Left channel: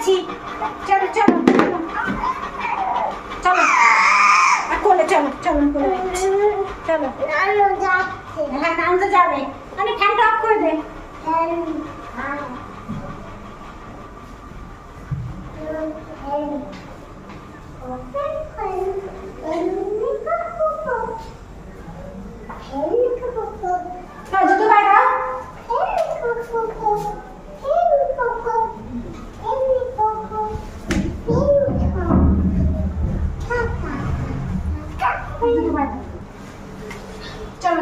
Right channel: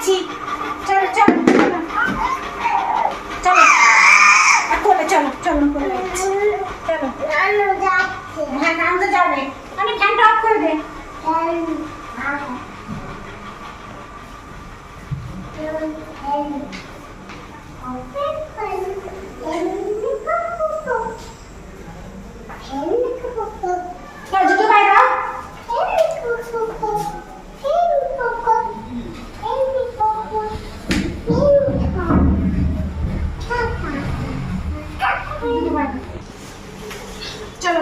যাচ্ছি। চলো চলো চলো। কোলে, চলো চলো চলো। হ্যাঁ তো যাবে। আমি ফ্যানটা অফ করে দে জুতো পায়ে দাও জুতো পায়ে দাও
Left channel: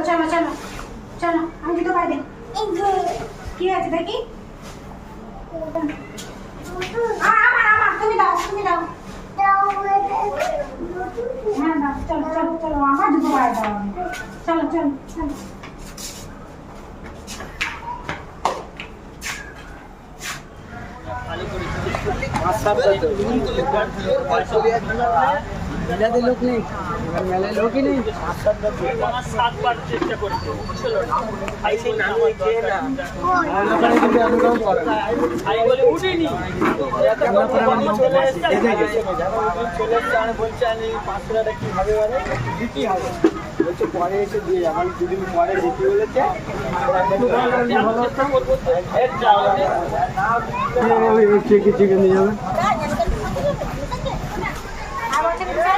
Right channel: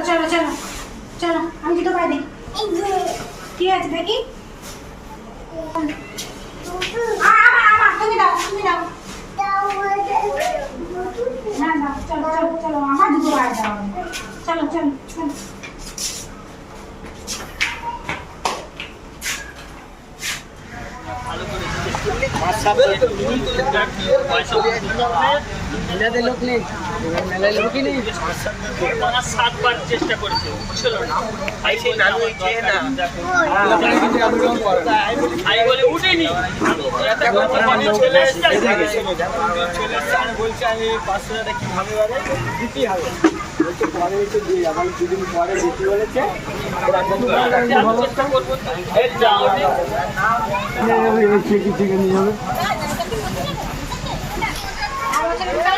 চলো চলো চলো আমি জুতো পায়ে দিই কি আছে দেখি না না চলো চলো চলো আমার জুতো পায়ে দাও চলো চলো চলো মেলাতে লোক নেই মেলায় লোকই নেই সাতবার চেষ্টা করেছে ছিল না সেই নানু চেয়ে না বলছে আমি পাঁচশো টাকা কীভাবে দিতেই হবে পরে এসে দিয়ে আমার দুদিন পরে দিতে বলেছে নিয়ে যাবে আর বছর চাইতে বছর হ্যাঁ আমার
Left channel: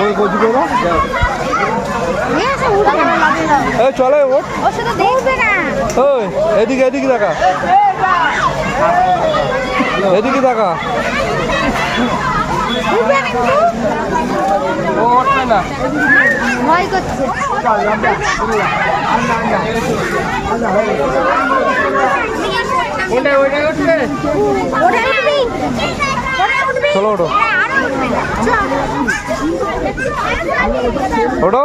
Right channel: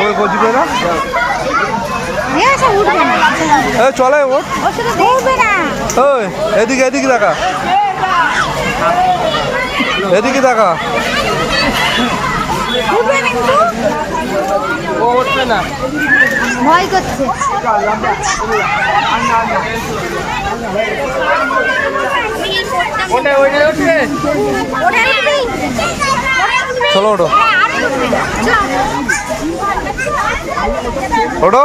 ওই না এই চলে ওঠ। ও সেটা দেখবে না ওই এদিকে এদিকে দেখা। এদিকে দেখা। চলো না ওটা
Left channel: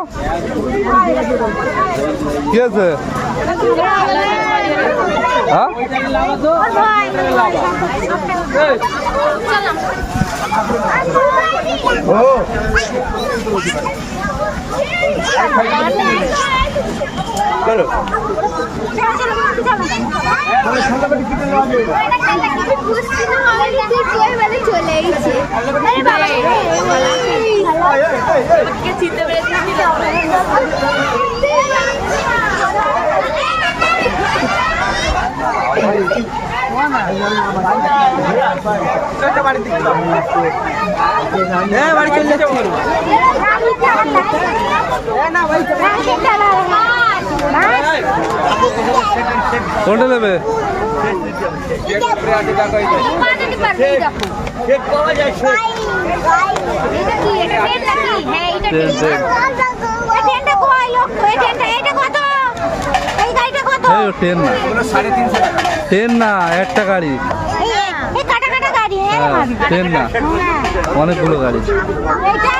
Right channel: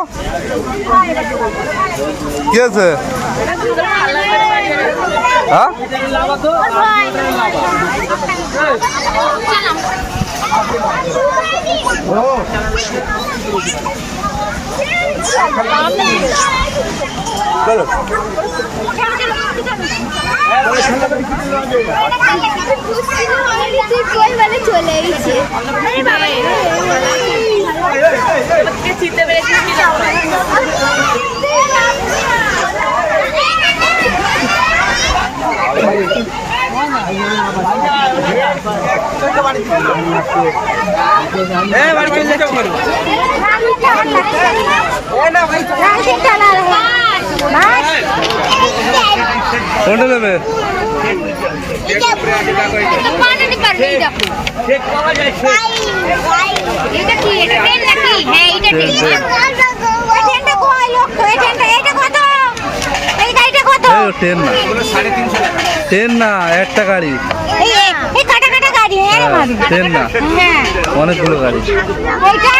কি আছে? হ্যাঁ? চলো বাড়ি চলে যেতে পারো কোনটা নেবে এটা এটা ট্রেন এটা ট্রেন, ট্রেন ট্রেন। এটা ট্রেন না ট্রেন না একটা গাড়ি এই হ্যাঁ। ট্রেন না অনেকগুলো গাড়ি এইটা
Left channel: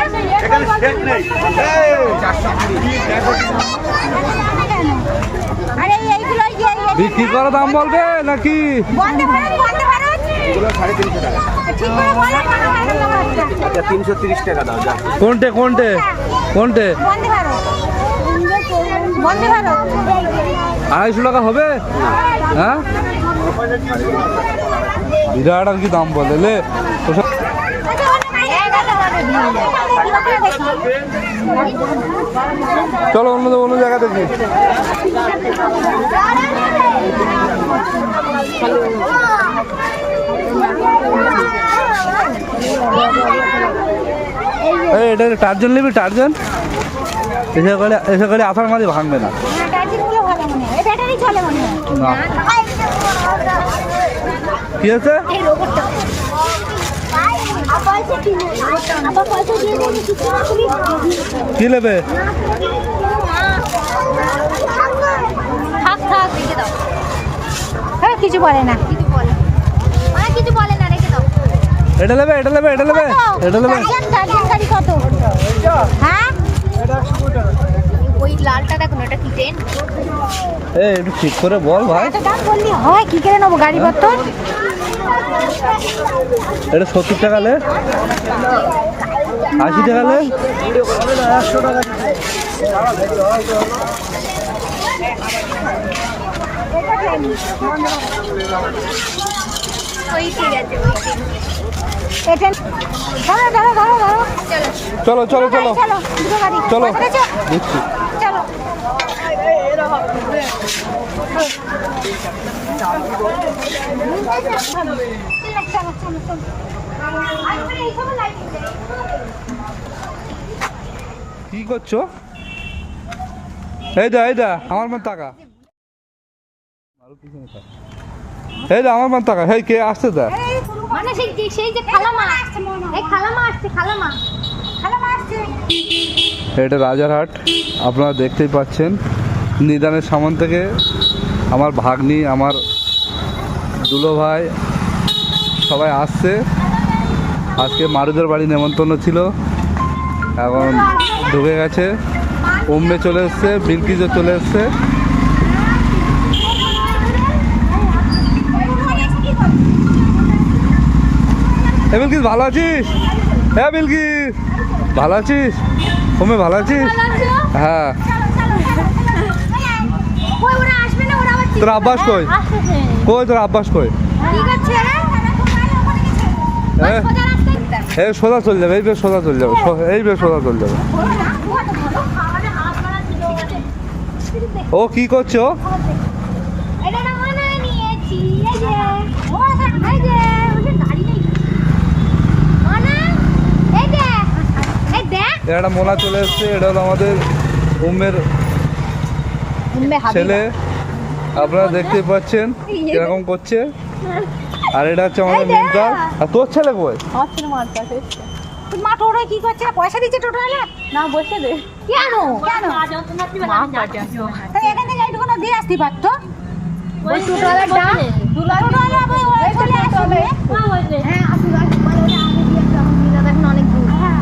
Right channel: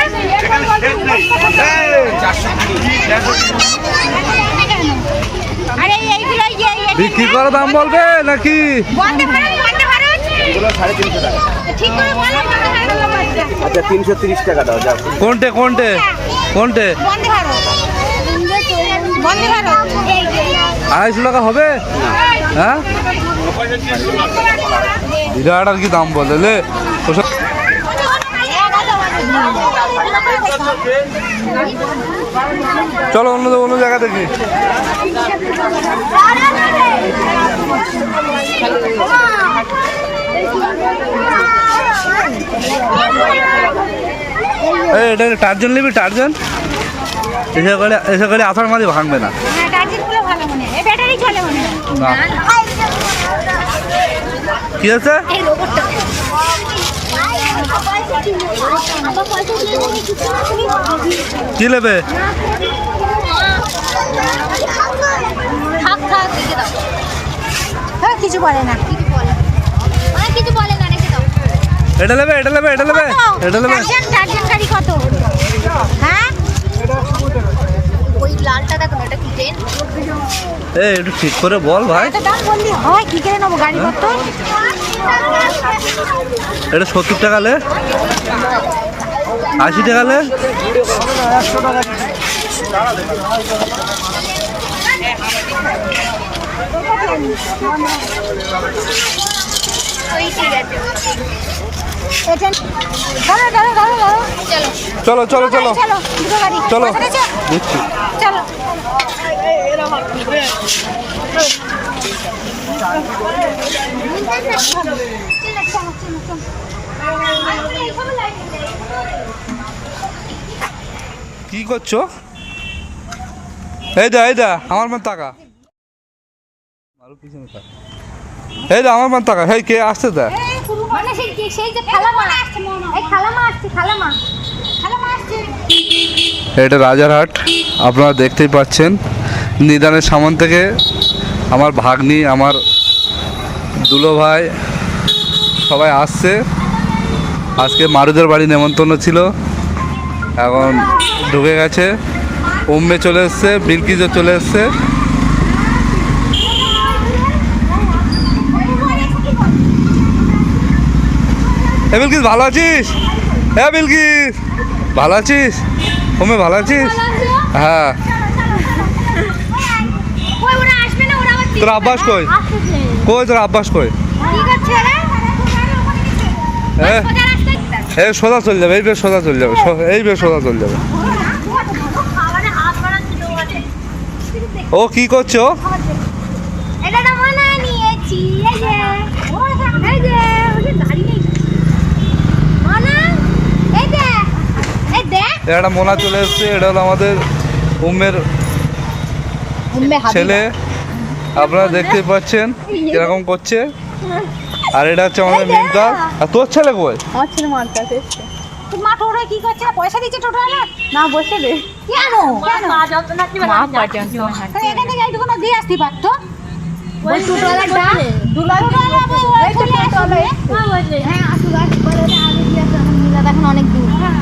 তিনশো তিরিশ দাম বলবে নাকি? কোনটে কোনটে? ভারত। আড়াইশো টাকা হবে? হ্যাঁ? বিরাট আর কি দাম বলে চলো অন্য অন্য জায়গা দেখি এটা টার্জন নিবি টার্জন? এসে করে এসে করে আষাঢ় মাঝে ভাঙবে না। হ্যাঁ, টার্জেনগুলো কি নেবে। হ্যাঁ কিছু বলে না। কিছু বলে অনেক কিছু বলে এটা নেবে এটা নেবে এটা নেবে এটা নেবে টার্জান টার্জান গাড়ি কত? হ্যাঁ? ওই লালটা দেখো না, কি ট্রেন এ একটু ঠিক করে বল ভাই। এত দাম বললি হয় কি করে নেব গাড়ি কত? এটা সত্তর টাকা লে? আশি টাকা লে? চলো চলো চলো। চলো। দেখছি চলো। কি করছ? এই দা এই দা আমার মান টাকা এই দা আমার মান টাকা হেই কে আসতে দা? মানে সেই যে সেই যে খালামা। এই খালামা আসছে খালামা। খালামা এটা রাজারহাট আপনারা দেখতেই পাচ্ছেন। নিদানের সামান থেকে আমার ভাগ্নি আমার দুলো ভাই সবাই আসছে। আজকে মারুদের বাড়ি নেমন্তন্ন ছিল। এখন ঢুকে গেছে। উম্মে চলে এসছে বিলকিজও চলে এসছে। এ বিলকিস, ভালো আছিস? হ্যাঁ বিলকিস, ভালো আছিস? উম্মে, ভালো আছিস? হ্যাঁ। তোর আব্বাস কই? কই তোর আব্বাস কই? হ্যাঁ? এই সোজা চলে যাবে এই বেশ সোজা চলে যাবে এই বেশ সোজা চলে যাবে। ও কি করছ এটা মনে মনে একটা মোনা চলে এসছে এটা হলো আমাদের উম্মের ছেলে। আপনারা দেখতেই পাচ্ছেন কীরকম করছে। আর এটা হচ্ছে আমাদের মিমকার আর তোর ছেলে কই তোর মা টোটো কি করছে পয়সা দিচ্ছে টোটো না বসে দে কেন কেন তাহলে এখান থেকে এইটুকু না দিয়ে আসতে পারতো ওই টোটোওয়ালাটা ওই চলে আসবে হ্যাঁ আসুক আসুক অনেক দিন হ্যাঁ।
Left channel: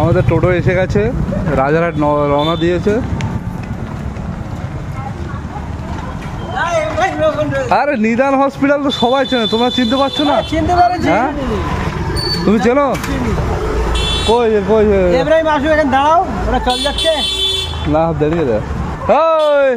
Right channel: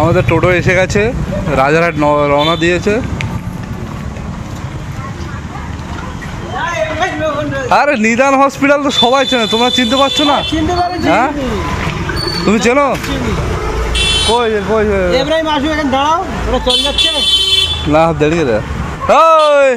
আমাদের টোটো এসে গেছে রাজারহাট রওনা দিয়েছে আরে নিদান হসপিটাল তো সবাই চেনে তোমরা চিনতে পারছ না? হ্যাঁ তুমি চেনো? কই কই এবারে মাসু এখানে দাঁড়াও ওরা চল যাচ্ছে। না দাঁড়িয়ে দে ওই!